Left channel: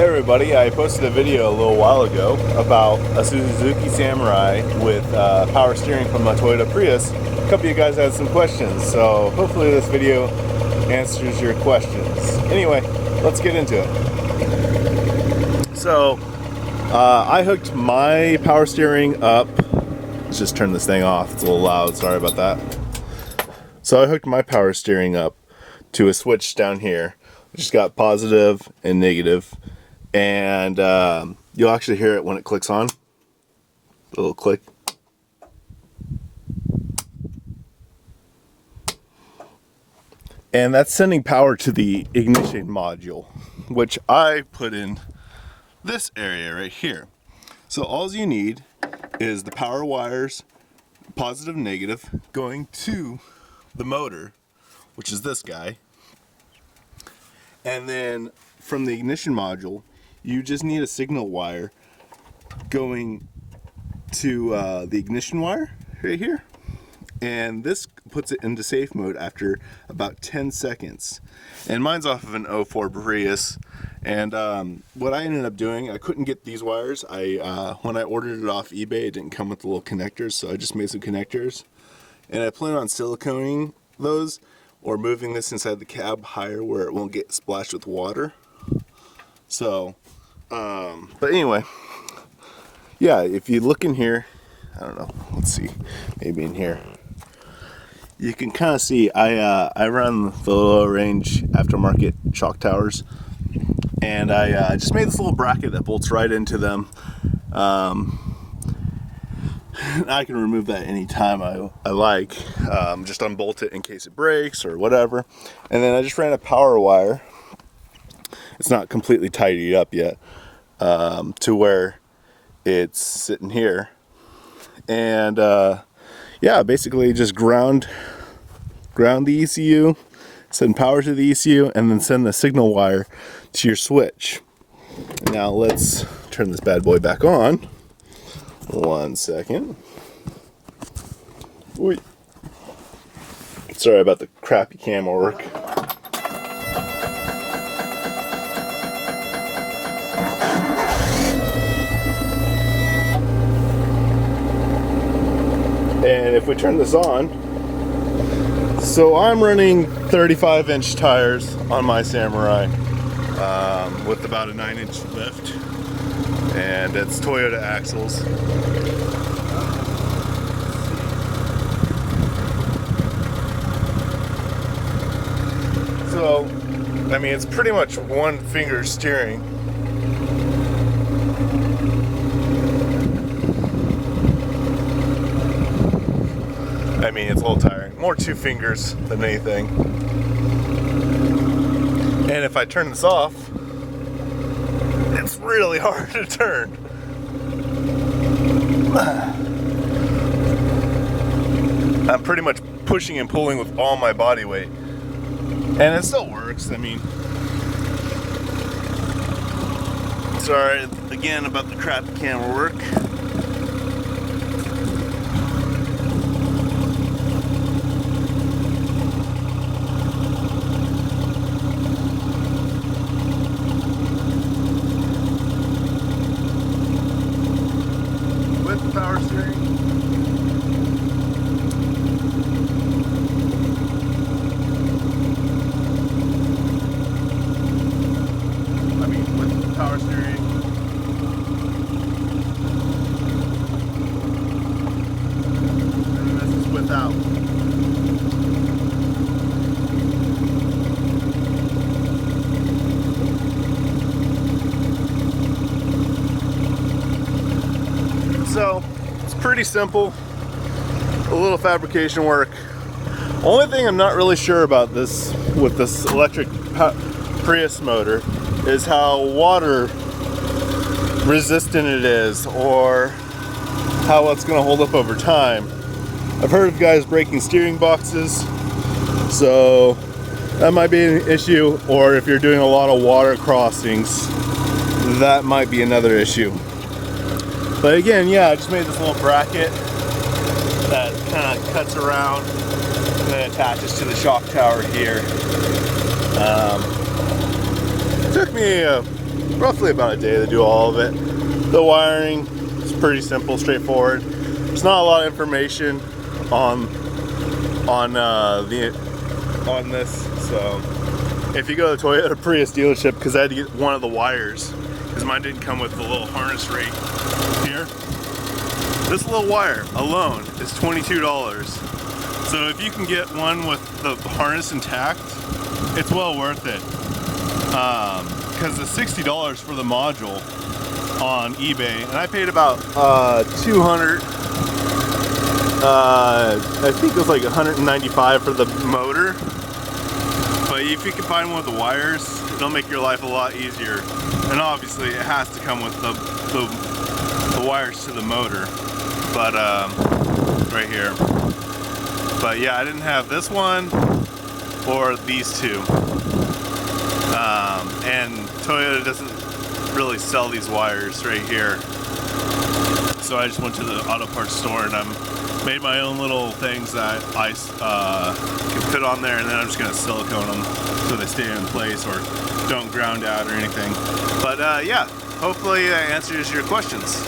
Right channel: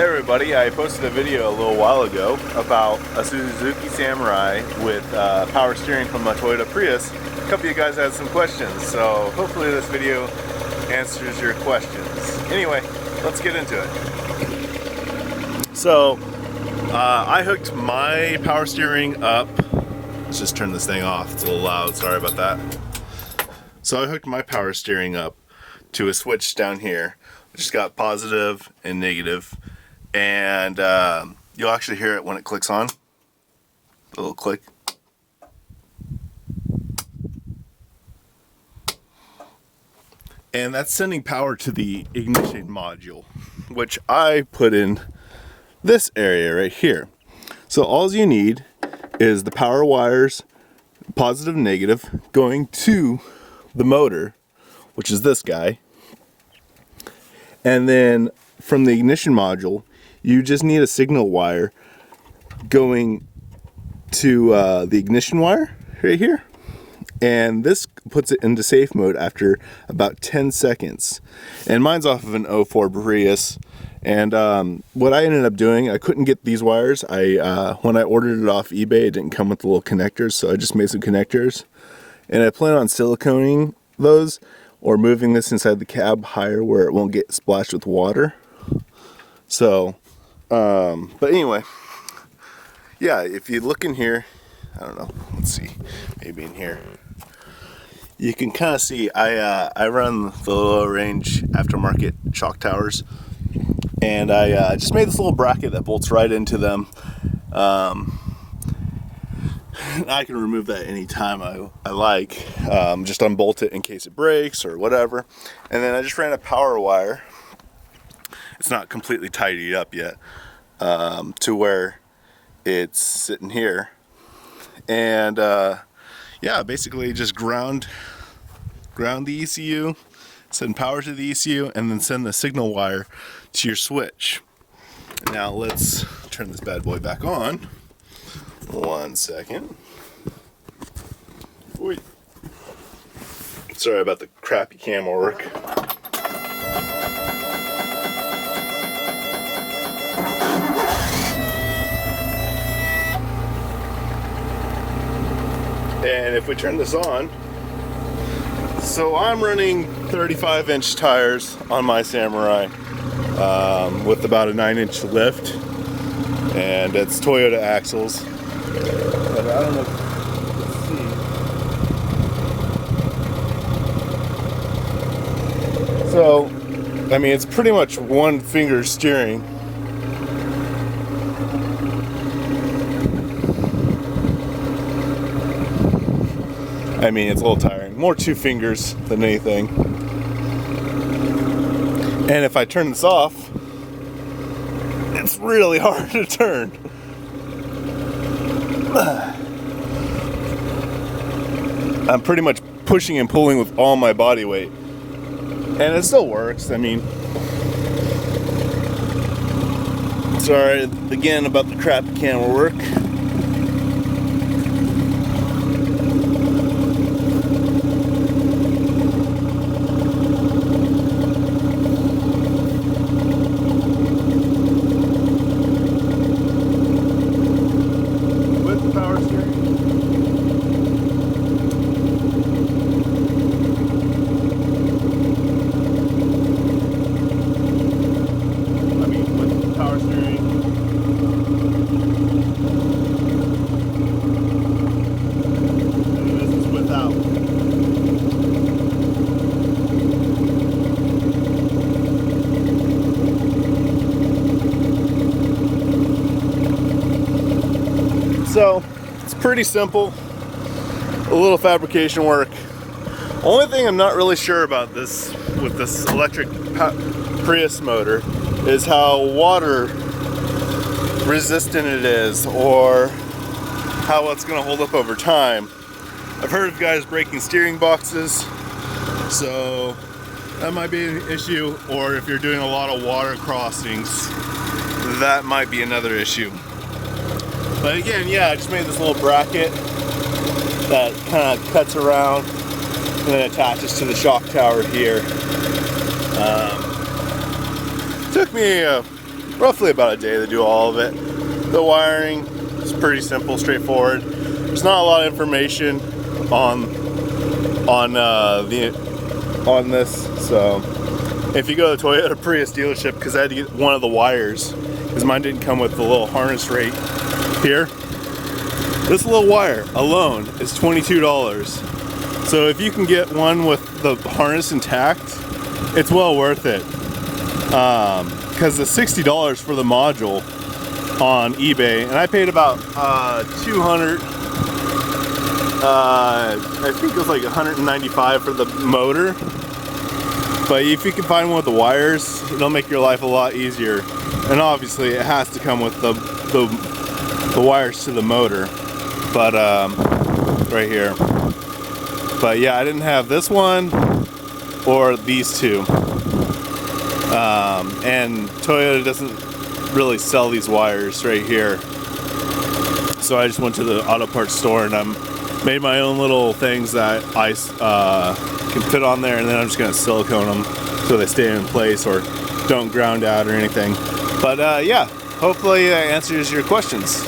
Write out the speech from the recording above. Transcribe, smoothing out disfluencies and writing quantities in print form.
Hey everybody, I posted a video a little while ago about a Suzuki Samurai with power steering from a Toyota Prius. A couple of you guys had some questions, so hopefully this video answers your questions. Anyway, let's get into it. So, I hooked my power steering up. Let's just turn this thing off, it's a little loud, sorry about that. So I hooked my power steering up to a switch down here, which has got positive and negative. And you'll actually hear it when it clicks on. A little click. And that's sending power to the ignition module, which I put in this area right here. So all you need is the power wires, positive and negative, going to the motor, which is this guy. And then from the ignition module, you just need a signal wire going to the ignition wire right here. And this puts it into safe mode after about 10 seconds. And mine's off of an 04 Prius. And what I ended up doing, I couldn't get these wires. When I ordered it off eBay, it didn't come with the little connectors, so I just made some connectors. And I plan on siliconing those or moving this inside the cab higher where it won't get splashed with water. So, but anyway, yeah, if you look in here, I don't know, let's see, maybe in here, you can kind of see I run the low range aftermarket shock towers, and I just made this little bracket that bolts right into them. I can remove that anytime I like, just unbolt it in case it breaks or whatever. And then I just ran a power wire. It's not completely tidied up yet, to where it's sitting here. And yeah, basically just ground the ECU, send power to the ECU, and then send the signal wire to your switch. Now let's turn this bad boy back on. 1 second. Ooh. Sorry about the crappy camera work. And if we turn this on, so I'm running 35-inch tires on my Samurai with about a 9-inch lift, and it's Toyota axles. But I don't know if you can see. So, I mean, it's pretty much one finger steering. I mean, it's a little tiring. More two fingers than anything. And if I turn this off, it's really hard to turn. I'm pretty much pushing and pulling with all my body weight. And it still works. I mean, sorry again about the crappy camera work. Power steering. I mean, with the power steering. And this is without. So, it's pretty simple, a little fabrication work. Only thing I'm not really sure about this, with this electric Prius motor, is how water resistant it is, or how it's going to hold up over time. I've heard of guys breaking steering boxes, so that might be an issue, or if you're doing a lot of water crossings, that might be another issue. But again, yeah, I just made this little bracket that kind of cuts around and then attaches to the shock tower here. Took me roughly about a day to do all of it. The wiring is pretty simple, straightforward. There's not a lot of information on this, so if you go to Toyota Prius dealership, because I had to get one of the wires, because mine didn't come with the little harness rate here. This little wire alone is $22. So if you can get one with the harness intact, it's well worth it. Because the $60 for the module on eBay, and I paid about $200. I think it was like $195 for the motor. But if you can find one with the wires, it'll make your life a lot easier. And obviously, it has to come with the wires to the motor. But right here. But yeah, I didn't have this one or these two. And Toyota doesn't really sell these wires right here. So I just went to the auto parts store and made my own little things that I can put on there, and then I'm just going to silicone them so they stay in place or don't ground out or anything. But yeah, hopefully that answers your questions.